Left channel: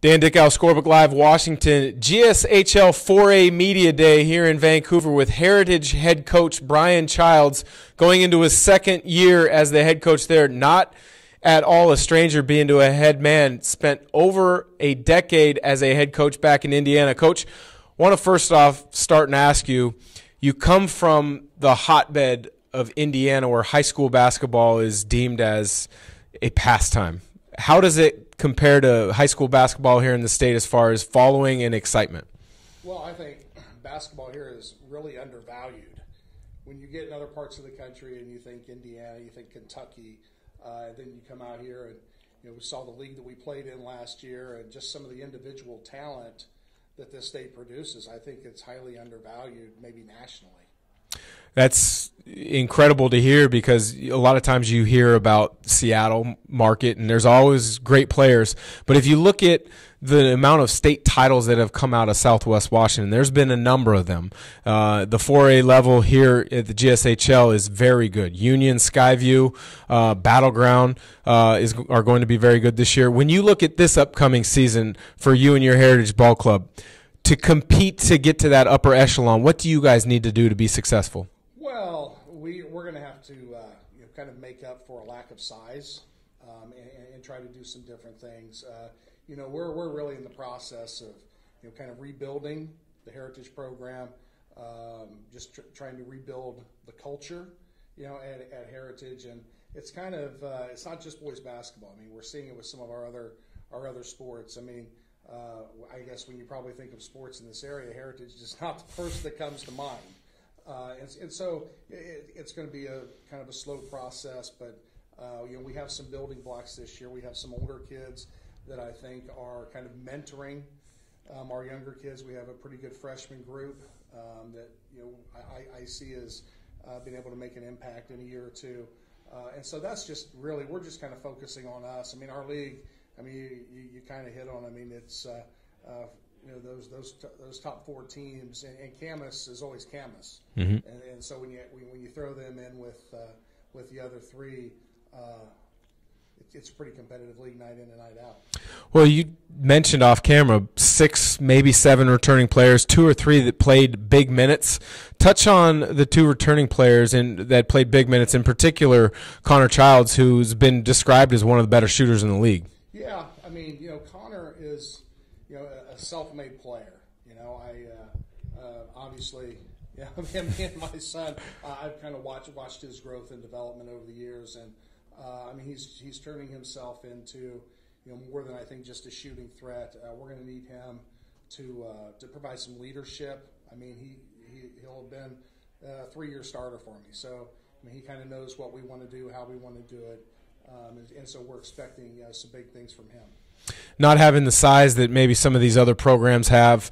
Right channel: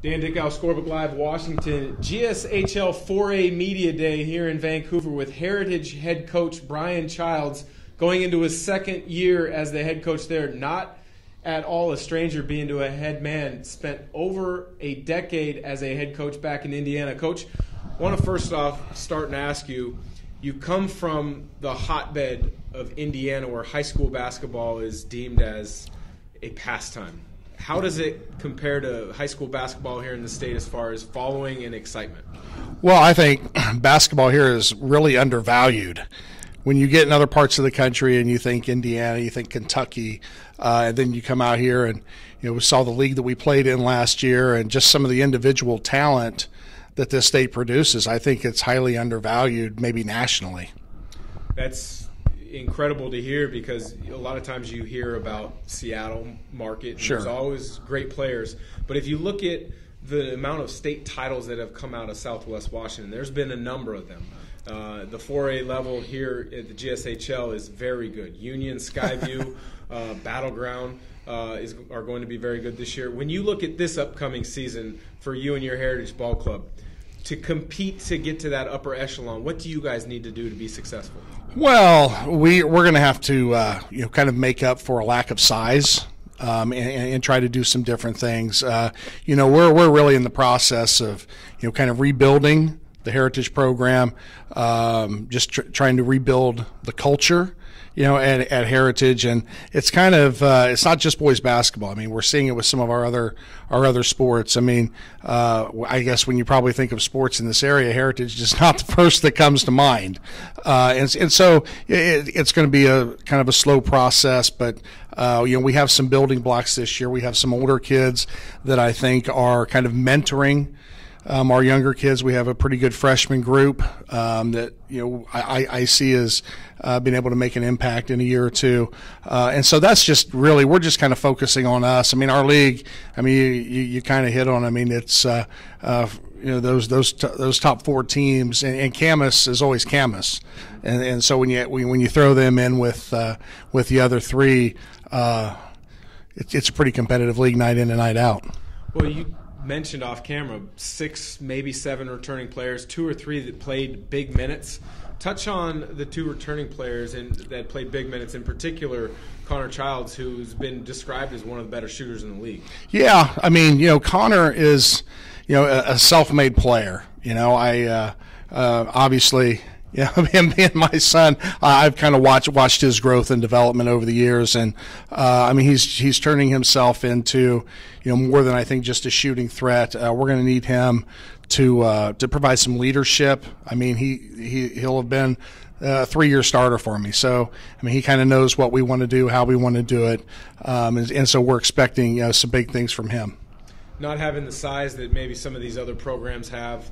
Dan Dickau, Scorebook Live, Washington. GSHL 4A Media Day here in Vancouver with Heritage head coach Brian Childs going into his second year as the head coach there. Not at all a stranger being to a head man. Spent over a decade as a head coach back in Indiana. Coach, I want to first off start and ask you, you come from the hotbed of Indiana where high school basketball is deemed as a pastime. How does it compare to high school basketball here in the state as far as following and excitement? Well, I think basketball here is really undervalued. When you get in other parts of the country and you think Indiana, you think Kentucky, and then you come out here and we saw the league that we played in last year and just some of the individual talent that this state produces. I think it's highly undervalued, maybe nationally. That's incredible to hear because a lot of times you hear about Seattle market and there's always great players. But if you look at the amount of state titles that have come out of Southwest Washington, there's been a number of them. The 4A level here at the GSHL is very good. Union, Skyview, Battleground are going to be very good this year. When you look at this upcoming season for you and your Heritage Ball Club, to compete to get to that upper echelon, what do you guys need to do to be successful? Well, we're going to have to kind of make up for a lack of size and try to do some different things. We're really in the process of kind of rebuilding the Heritage program, just trying to rebuild the culture at Heritage, and it's kind of it's not just boys basketball. I mean, we're seeing it with some of our other sports. I mean, I guess when you probably think of sports in this area, Heritage is not the first that comes to mind, and so it's going to be a kind of a slow process, but. We have some building blocks this year. We have some older kids that I think are kind of mentoring our younger kids. We have a pretty good freshman group that I see as being able to make an impact in a year or two, and so that's just really we're just kind of focusing on us. I mean, our league. I mean, you kind of hit on. I mean, it's those top four teams, and Camas is always Camas, and so when you throw them in with the other three. It's a pretty competitive league night in and night out. Well, you mentioned off camera 6, maybe 7 returning players, 2 or 3 that played big minutes. Touch on the 2 returning players that played big minutes, in particular Connor Childs, who's been described as one of the better shooters in the league. Yeah, I mean, Connor is a self-made player. Obviously. Yeah, me and my son, I've kind of watched his growth and development over the years, and I mean he's turning himself into more than I think just a shooting threat. We're going to need him to provide some leadership. I mean he'll have been a 3-year starter for me, so I mean he kind of knows what we want to do, how we want to do it, and so we're expecting some big things from him. Not having the size that maybe some of these other programs have.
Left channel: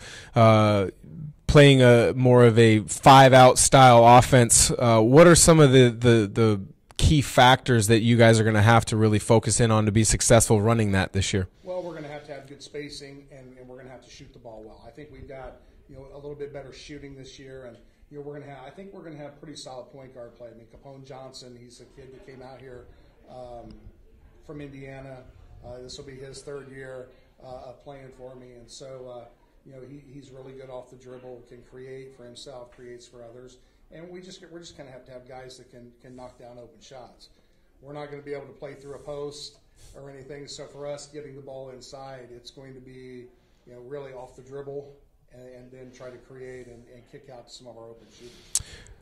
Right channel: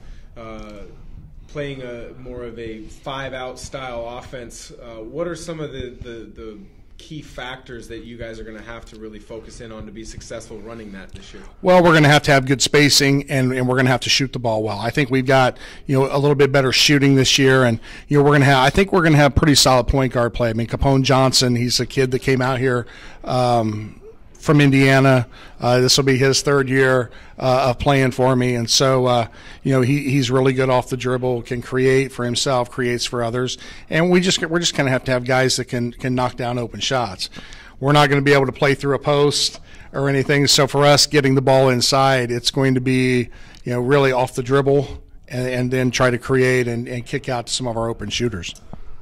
Playing a more of a 5-out style offense, what are some of the key factors that you guys are going to have to really focus in on to be successful running that this year? Well, we're going to have good spacing, and we're going to have to shoot the ball well. I think we've got a little bit better shooting this year, and I think we're going to have pretty solid point guard play. I mean, Capone Johnson, he's a kid that came out here from Indiana. This will be his 3rd year of playing for me, and so he's really good off the dribble, can create for himself, creates for others, and we're just going to have to have guys that can knock down open shots. We're not going to be able to play through a post or anything, so for us getting the ball inside, it's going to be really off the dribble and then try to create and kick out to some of our open shooters.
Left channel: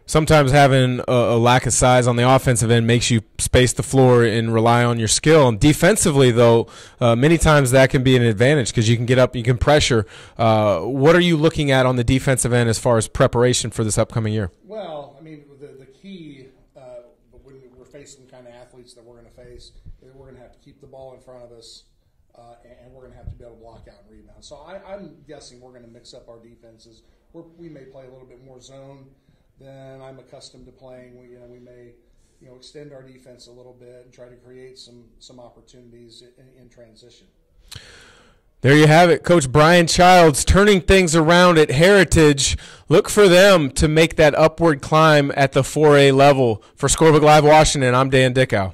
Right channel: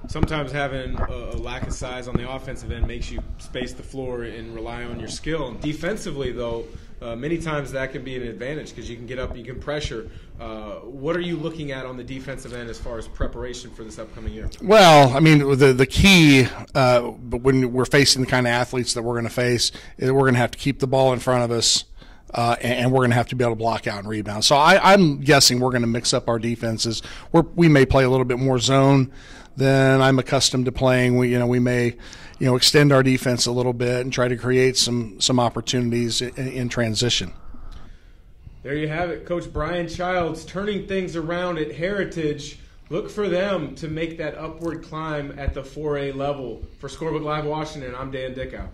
Sometimes having a lack of size on the offensive end makes you space the floor and rely on your skill. And defensively, though, many times that can be an advantage because you can get up, you can pressure. What are you looking at on the defensive end as far as preparation for this upcoming year? Well, I mean, the key when we're facing the kind of athletes that we're going to face is we're going to have to keep the ball in front of us. And we're going to have to be able to block out and rebound. So I'm guessing we're going to mix up our defenses. We may play a little bit more zone than I'm accustomed to playing. We may extend our defense a little bit and try to create some opportunities in transition. There you have it, Coach Brian Childs turning things around at Heritage. Look for them to make that upward climb at the 4A level. For Scorebook Live Washington, I'm Dan Dickau.